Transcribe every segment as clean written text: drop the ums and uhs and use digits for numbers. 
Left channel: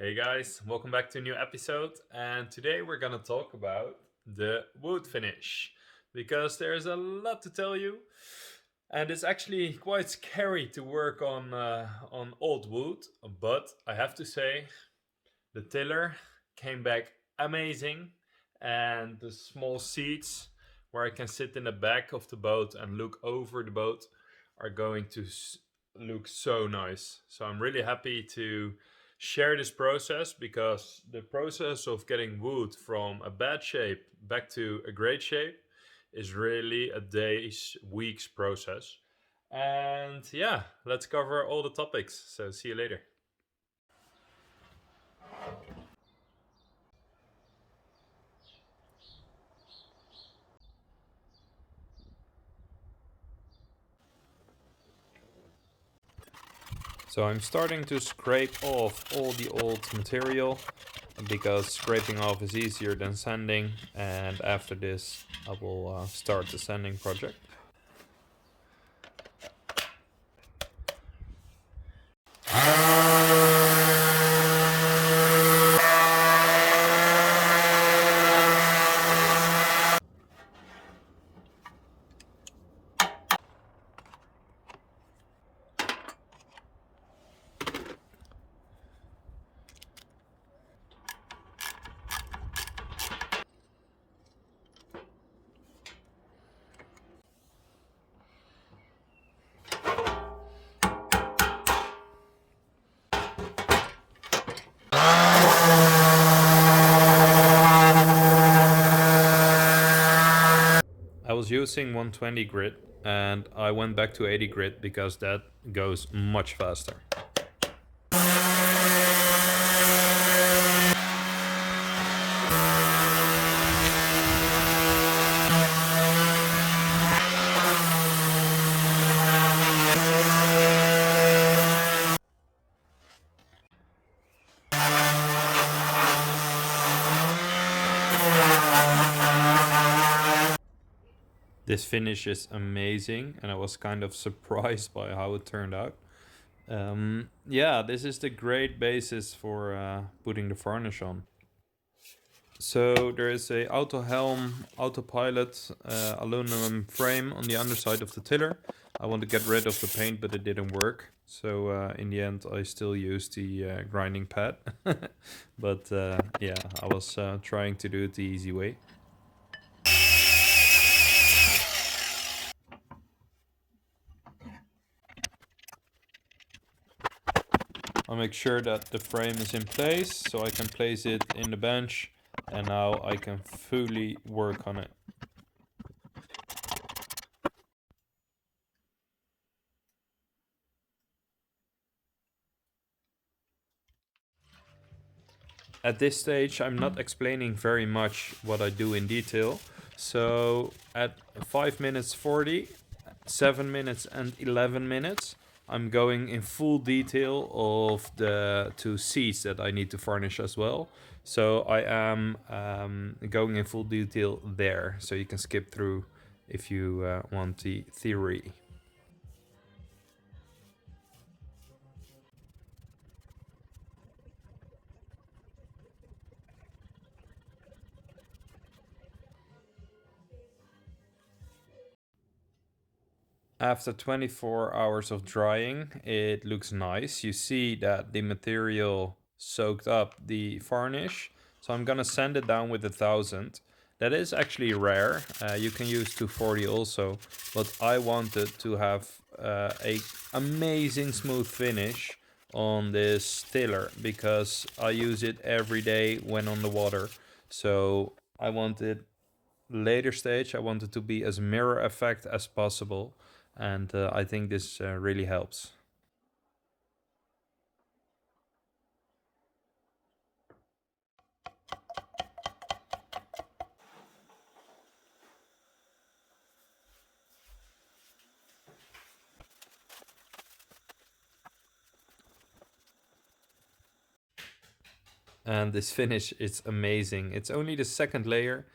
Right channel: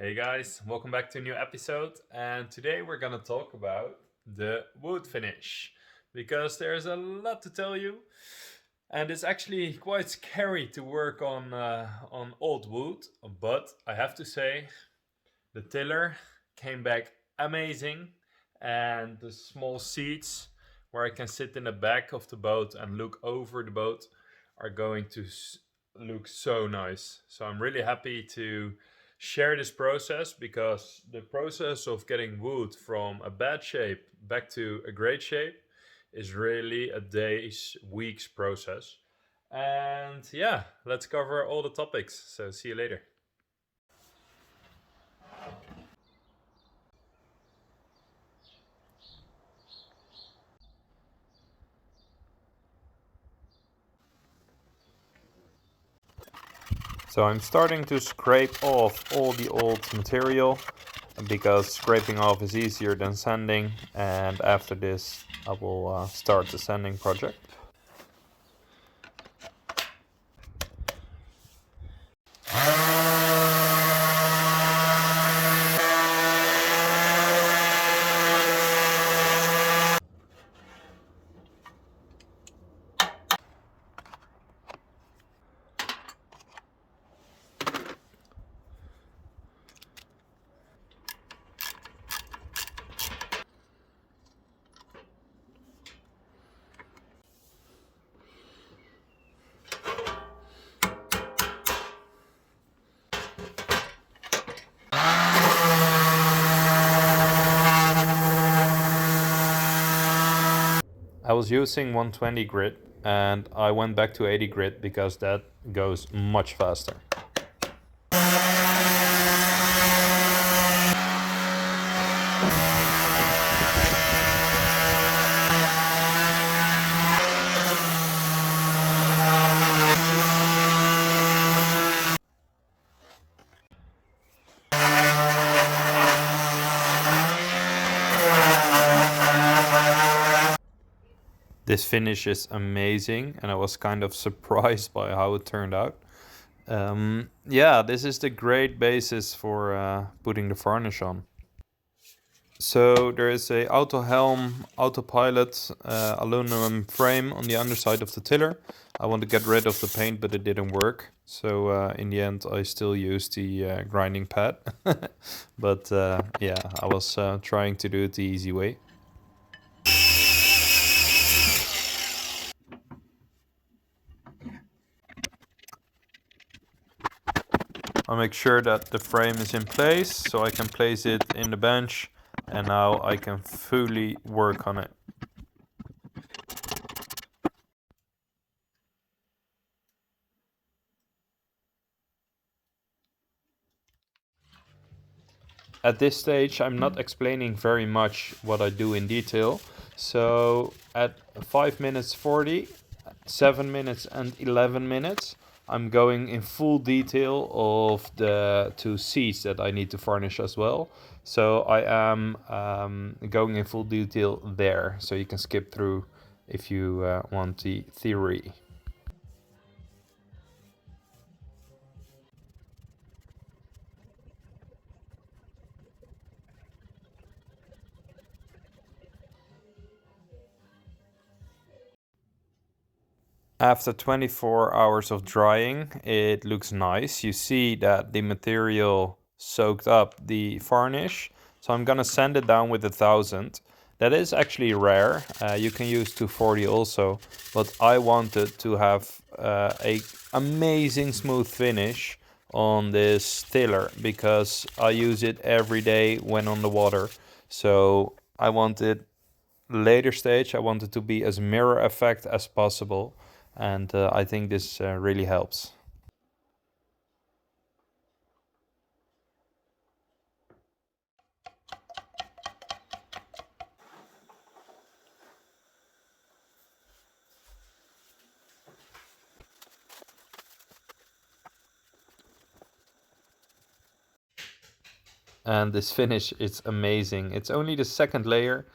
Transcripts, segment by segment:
Hey guys, welcome back to a new episode. And today we're gonna talk about the wood finish because there's a lot to tell you, and it's actually quite scary to work on old wood. But I have to say, the tiller came back amazing, and the small seats where I can sit in the back of the boat and look over the boat are going to look so nice. So I'm really happy to share this process because the process of getting wood from a bad shape back to a great shape is really a days, weeks process. And yeah, let's cover all the topics. So see you later. So I'm starting to scrape off all the old material because scraping off is easier than sanding, and after this I will start the sanding project. I was using 120 grit and I went back to 80 grit because that goes much faster. This finish is amazing, and I was kind of surprised by how it turned out. Yeah, this is the great basis for putting the varnish on. So there is a auto helm, autopilot aluminum frame on the underside of the tiller. I want to get rid of the paint, but it didn't work. So in the end, I still used the grinding pad. But yeah, I was trying to do it the easy way. I'll make sure that the frame is in place so I can place it in the bench, and now I can fully work on it. At this stage, I'm not explaining very much what I do in detail. So at 5 minutes 40, 7 minutes and 11 minutes, I'm going in full detail of the two seats that I need to varnish as well. So I am going in full detail there, so you can skip through if you want the theory. After 24 hours of drying, it looks nice. You see that the material soaked up the varnish. So I'm gonna sand it down with 1,000. That is actually rare. You can use 240 also, but I wanted to have a amazing smooth finish on this tiller because I use it every day when on the water. So I wanted later stage, I wanted to be as mirror effect as possible, and I think this really helps. And this finish is amazing. It's only the second layer,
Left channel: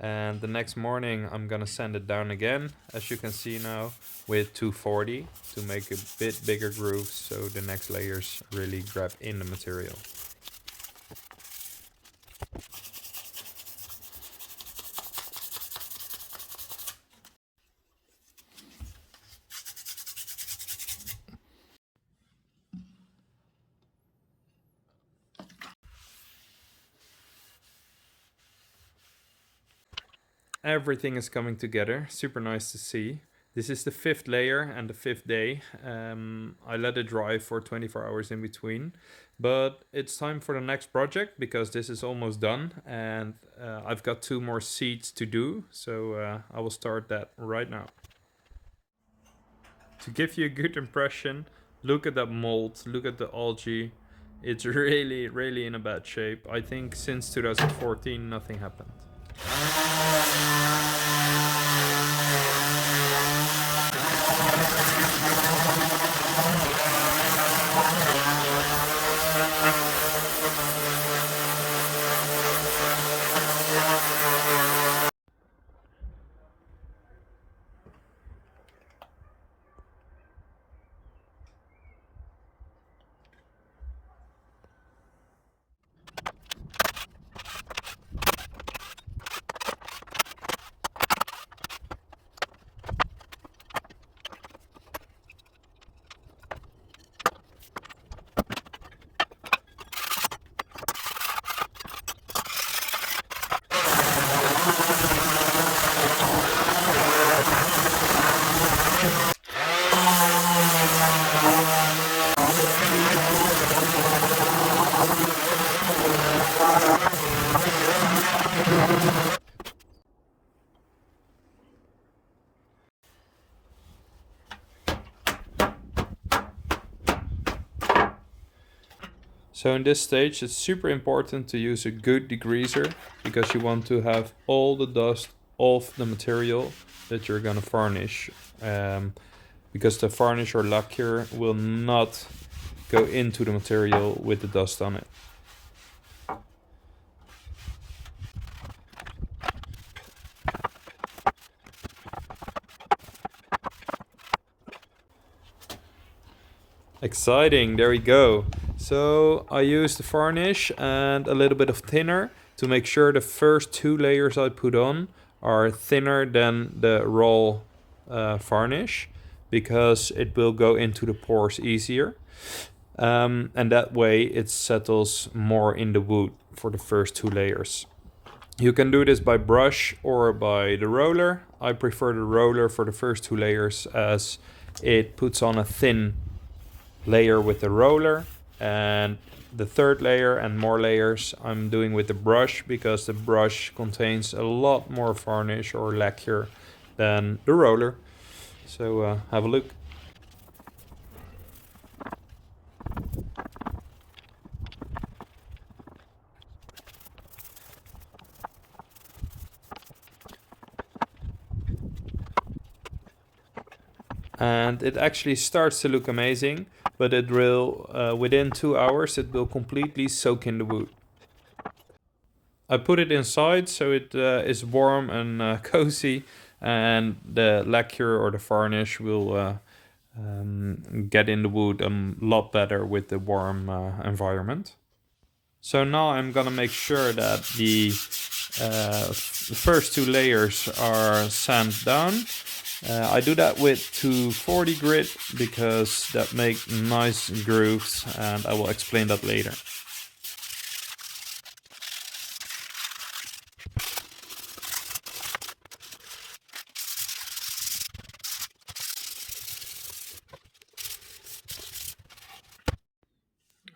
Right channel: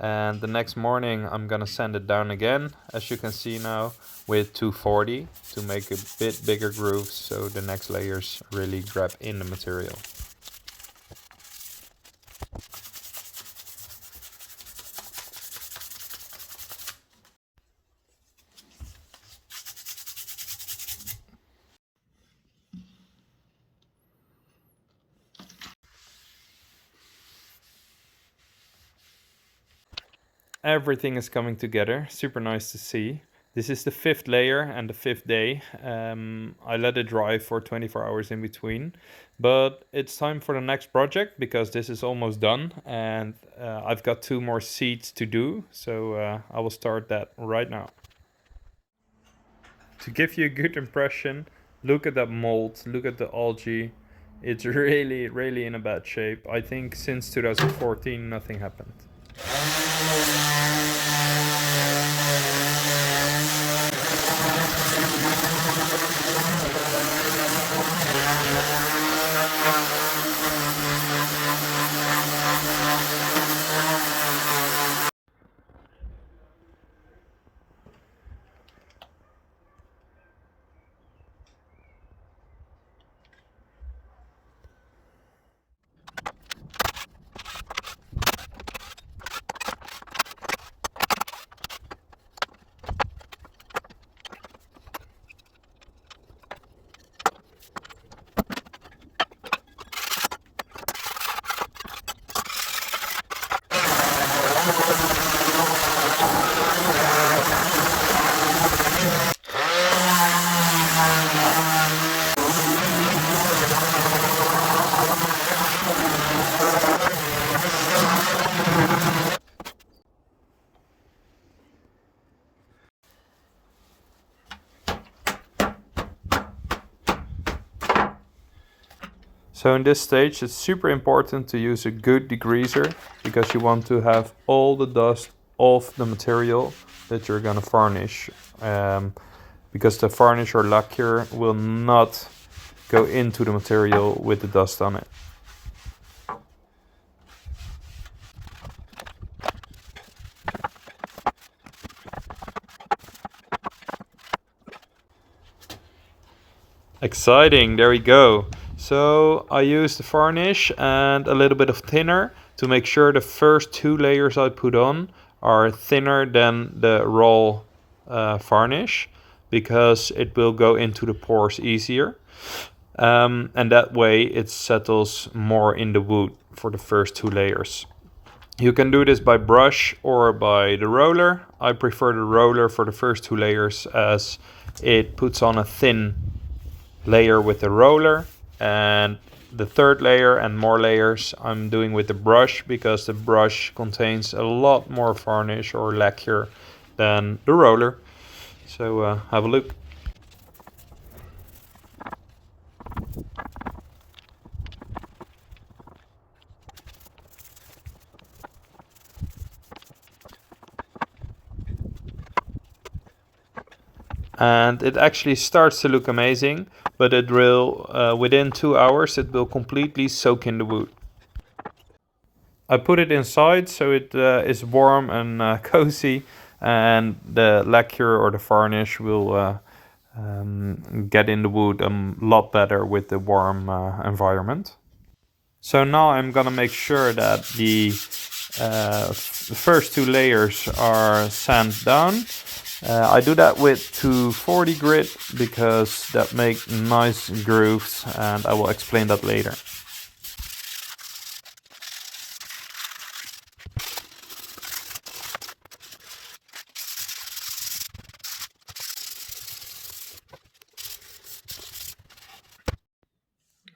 and the next morning I'm gonna sand it down again, as you can see now, with 240 to make a bit bigger grooves so the next layers really grab in the material. everything is coming together. Super nice to see. This is the 5th layer and the 5th day. I let it dry for 24 hours in between. But it's time for the next project because this is almost done. And I've got 2 more seats to do. So I will start that right now. To give you a good impression, look at that mold, look at the algae. It's really, really in a bad shape. I think since 2014 nothing happened. So in this stage it's super important to use a good degreaser because you want to have all the dust off the material that you're gonna varnish, because the varnish or lacquer will not go into the material with the dust on it. Exciting, there we go. So I used the varnish and a little bit of thinner to make sure the first 2 layers I put on are thinner than the raw varnish, because it will go into the pores easier. And that way it settles more in the wood for the first 2 layers. You can do this by brush or by the roller. I prefer the roller for the first 2 layers as it puts on a thin layer with the roller, and the 3rd layer and more layers I'm doing with the brush because the brush contains a lot more varnish or lacquer than the roller. So have a look. And it actually starts to look amazing, but it will, within 2 hours, it will completely soak in the wood. I put it inside so it is warm and cozy, and the lacquer or the varnish will get in the wood a lot better with the warm environment. So now I'm gonna make sure that the first 2 layers are sanded down. I do that with 240 grit because that makes nice grooves, and I will explain that later.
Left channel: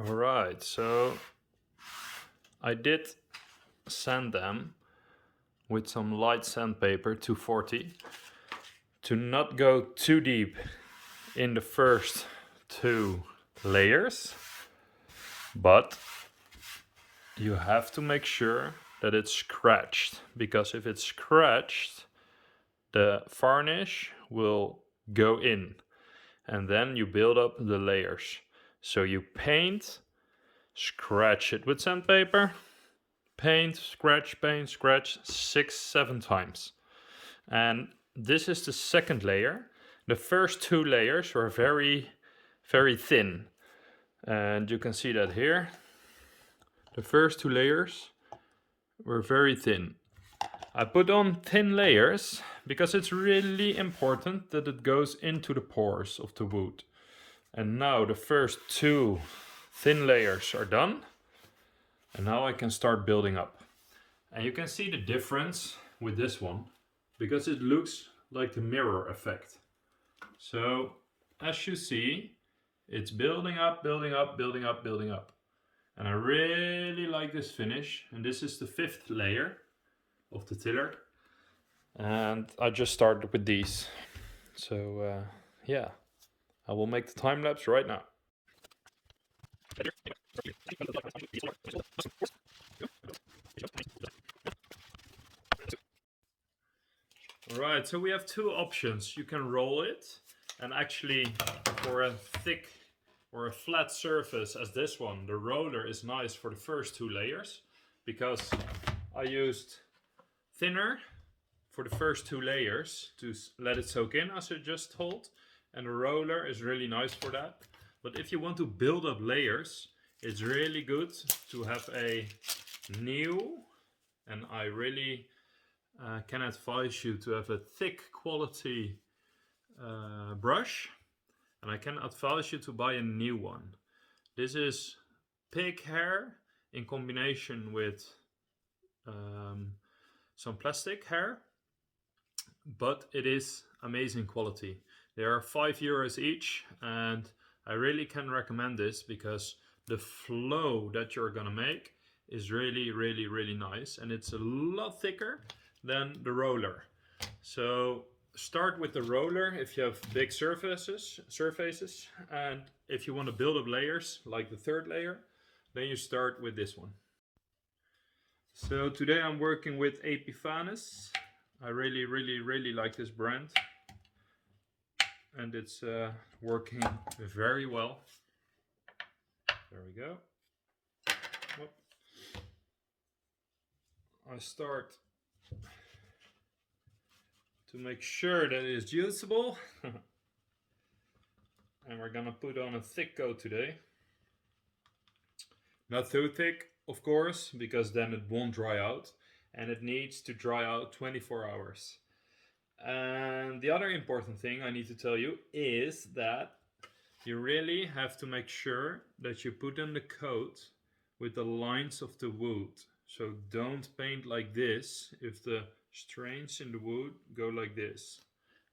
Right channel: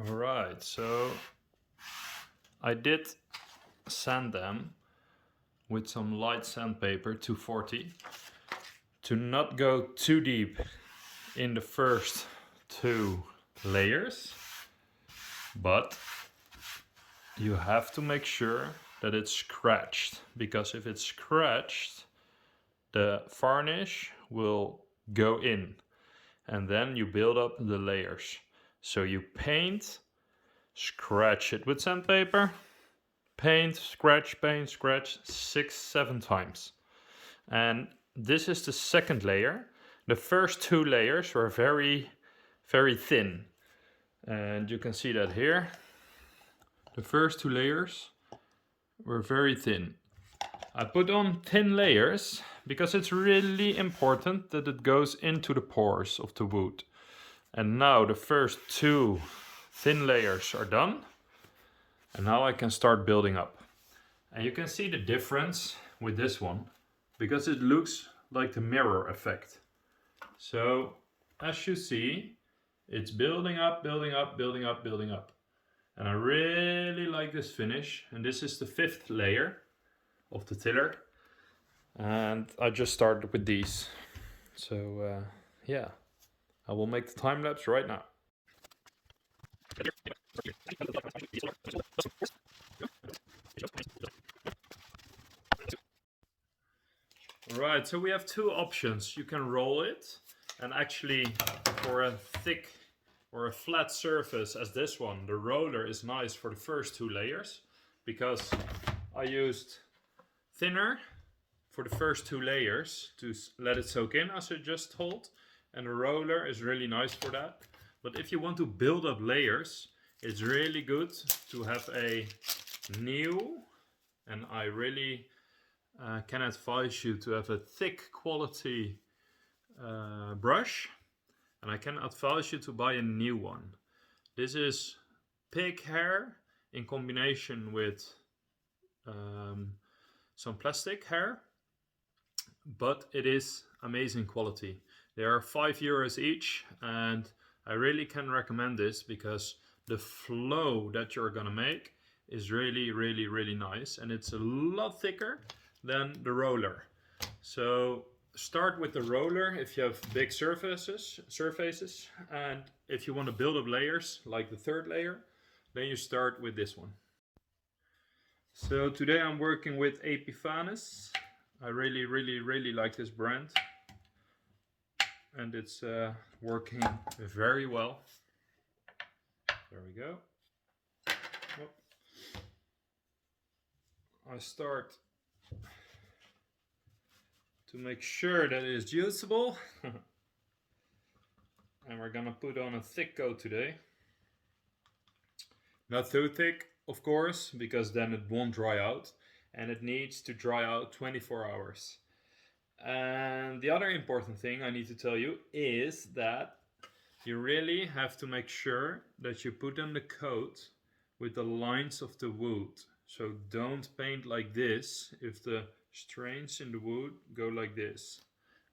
Alright, so I did sand them with some light sandpaper, 240, to not go too deep in the first 2 layers, but you have to make sure that it's scratched, because if it's scratched, the varnish will go in and then you build up the layers. So you paint, scratch it with sandpaper, paint, scratch, 6-7 times. And this is the 2nd layer. The first 2 layers were very, very thin. And you can see that here. The first 2 layers were very thin. I put on thin layers because it's really important that it goes into the pores of the wood. And now the first 2 thin layers are done. And now I can start building up. And you can see the difference with this one because it looks like the mirror effect. So as you see, it's building up, building up, building up, building up. And I really like this finish. And this is the 5th layer of the tiller. And I just started with these. So yeah, I will make the time lapse right now. Right, so we have 2 options. You can roll it, and actually for a thick or a flat surface as this one, the roller is nice for the first 2 layers, because I used thinner for the first 2 layers to let it soak in, as I just told, and the roller is really nice for that. But if you want to build up layers, it's really good to have a new, and I really can advise you to have a thick quality brush, and I can advise you to buy a new one. This is pig hair in combination with some plastic hair, but it is amazing quality. They are €5 each, and I really can recommend this because the flow that you're gonna make is really, really, really nice, and it's a lot thicker than the roller. So start with the roller if you have big surfaces, and if you want to build up layers like the 3rd layer, then you start with this one. So today I'm working with Epifanes. I really, really, really like this brand, and it's working very well. There we go. Whoop. I start to make sure that it is usable. And we're gonna put on a thick coat today. Not too thick, of course, because then it won't dry out, and it needs to dry out 24 hours. And the other important thing I need to tell you is that you really have to make sure that you put on the coat with the lines of the wood. So don't paint like this if the strains in the wood go like this.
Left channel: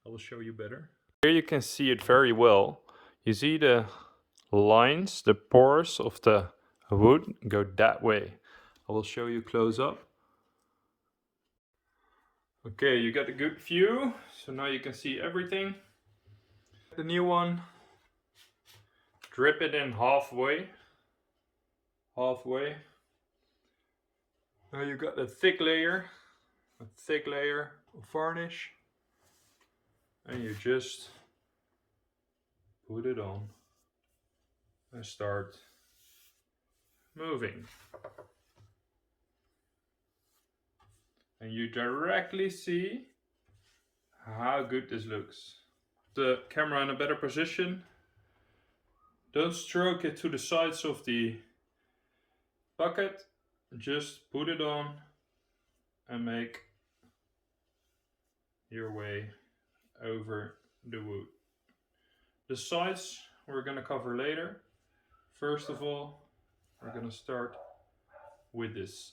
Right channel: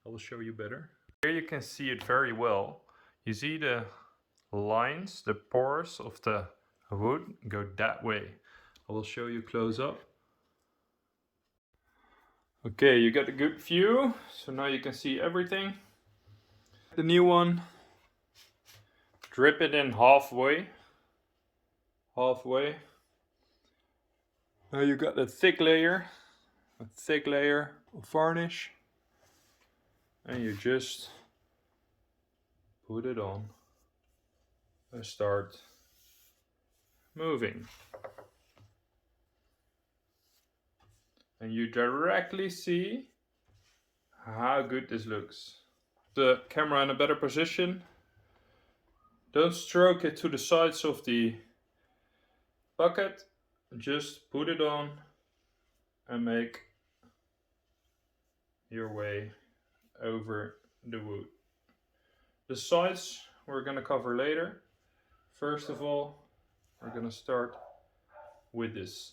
I will show you better. Here you can see it very well. You see the lines, the pores of the wood go that way. I will show you close up. Okay, you got a good view, so now you can see everything. The new one, drip it in halfway. Now you got a thick layer of varnish, and you just put it on and start moving. And you directly see how good this looks. The camera in a better position. Don't stroke it to the sides of the bucket. Just put it on and make your way over the wood. The sides we're going to cover later. First of all, we're going to start with this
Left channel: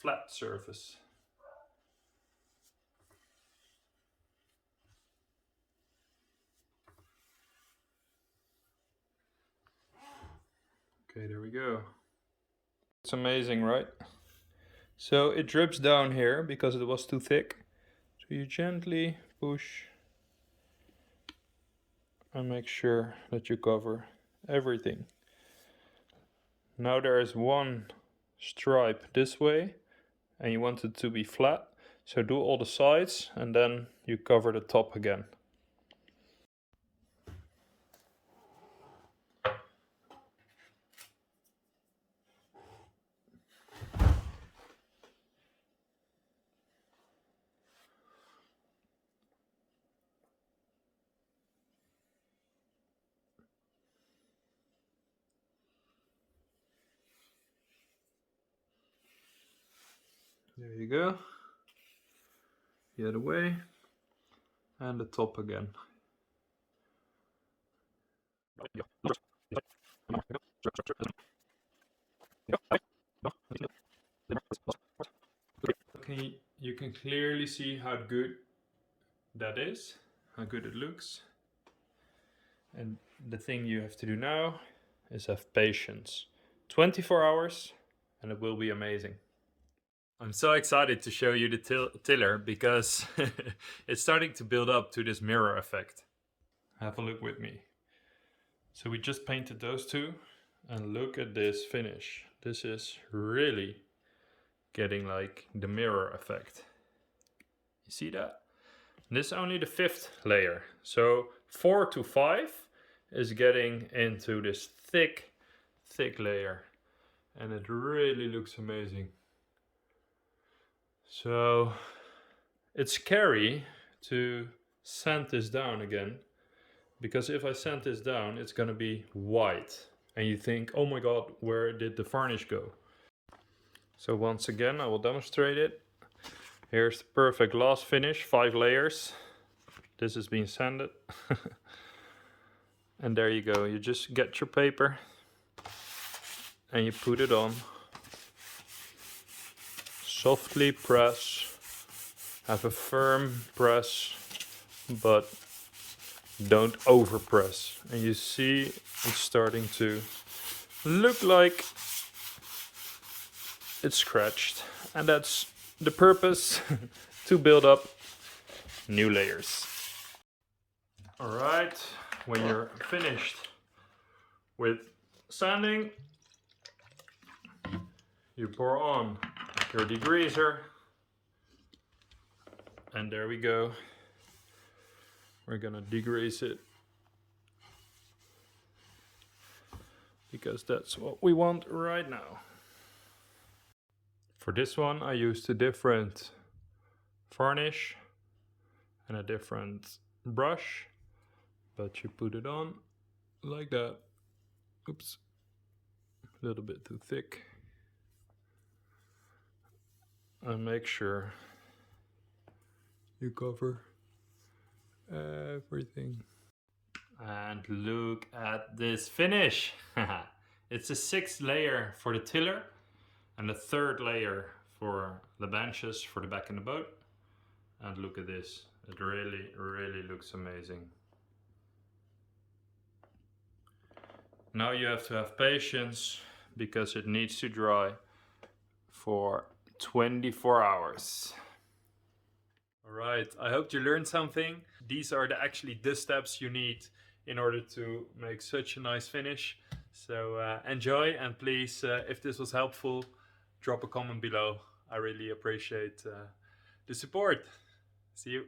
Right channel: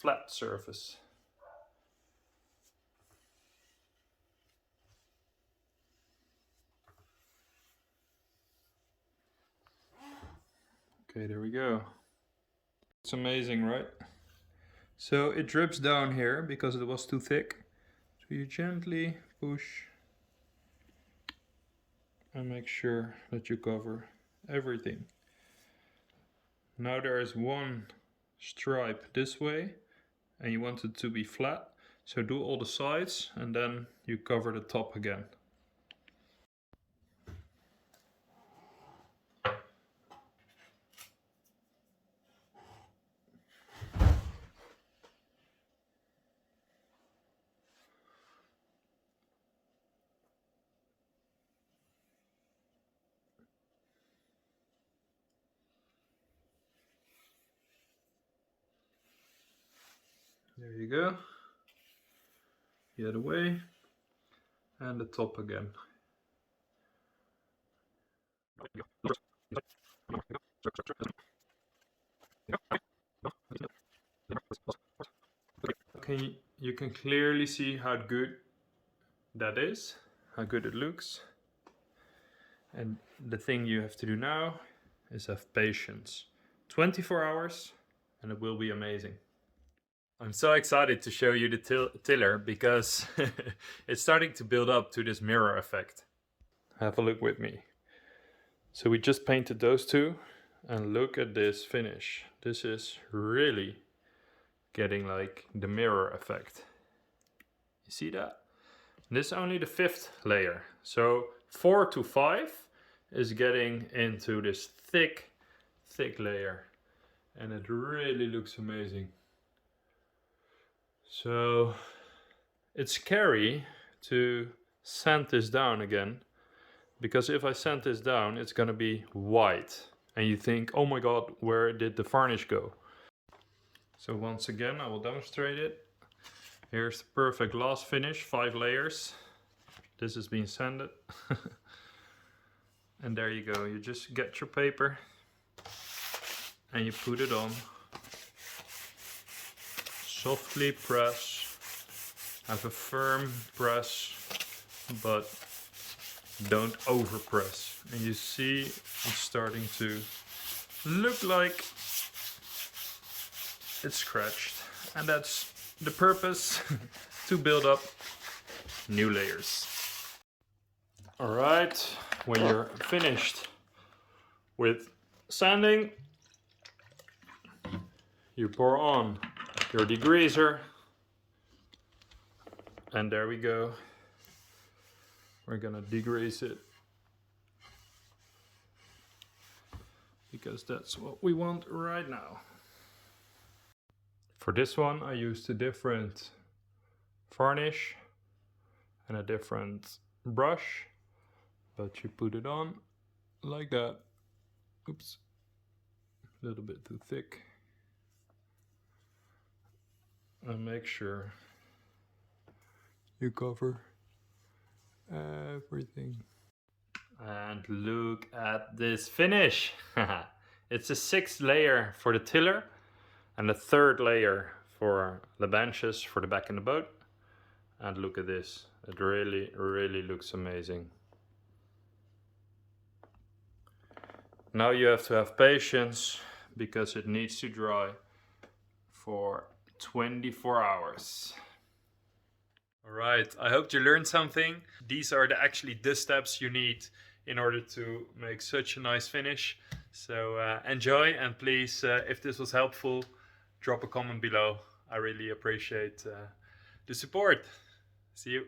flat surface. Okay, there we go. It's amazing, right? So it drips down here because it was too thick. So you gently push and make sure that you cover everything. Now there is one stripe this way, and you want it to be flat. So do all the sides and then you cover the top again. There you go. The other way. And the top again. you can clearly see how good that is, how good it looks. And the thing you have to do now is have patience. 24 hours and it will be amazing. I'm so excited to show you the tiller because it's starting to build up to this mirror effect. Have a look with me. So we just painted those two and look at this finish. This is really getting like the mirror effect. You see that? This is only the 5th layer. So 4 to 5 is getting into this thick layer. And it really looks amazing. So it's scary to sand this down again, because if I sand this down, it's gonna be white. And you think, oh my god, where did the varnish go? So once again, I will demonstrate it. Here's the perfect last finish, 5 layers. This is being sanded. And there you go, you just get your paper and you put it on. Softly press, have a firm press, but don't over press. And you see it's starting to look like it's scratched. And that's the purpose, to build up new layers. Alright, when you're finished with sanding, you pour on your degreaser, and there we go. We're gonna degrease it because that's what we want right now. For this one I used a different varnish and a different brush, but you put it on like that. Oops, a little bit too thick. And make sure you cover everything. And look at this finish. It's the 6th layer for the tiller and the 3rd layer for the benches for the back in the boat. And look at this, it really looks amazing. Now you have to have patience because it needs to dry for 24 hours. Alright, I hope you learned something. These are actually the steps you need in order to make such a nice finish. So enjoy, and please, if this was helpful, drop a comment below. I really appreciate the support. See you.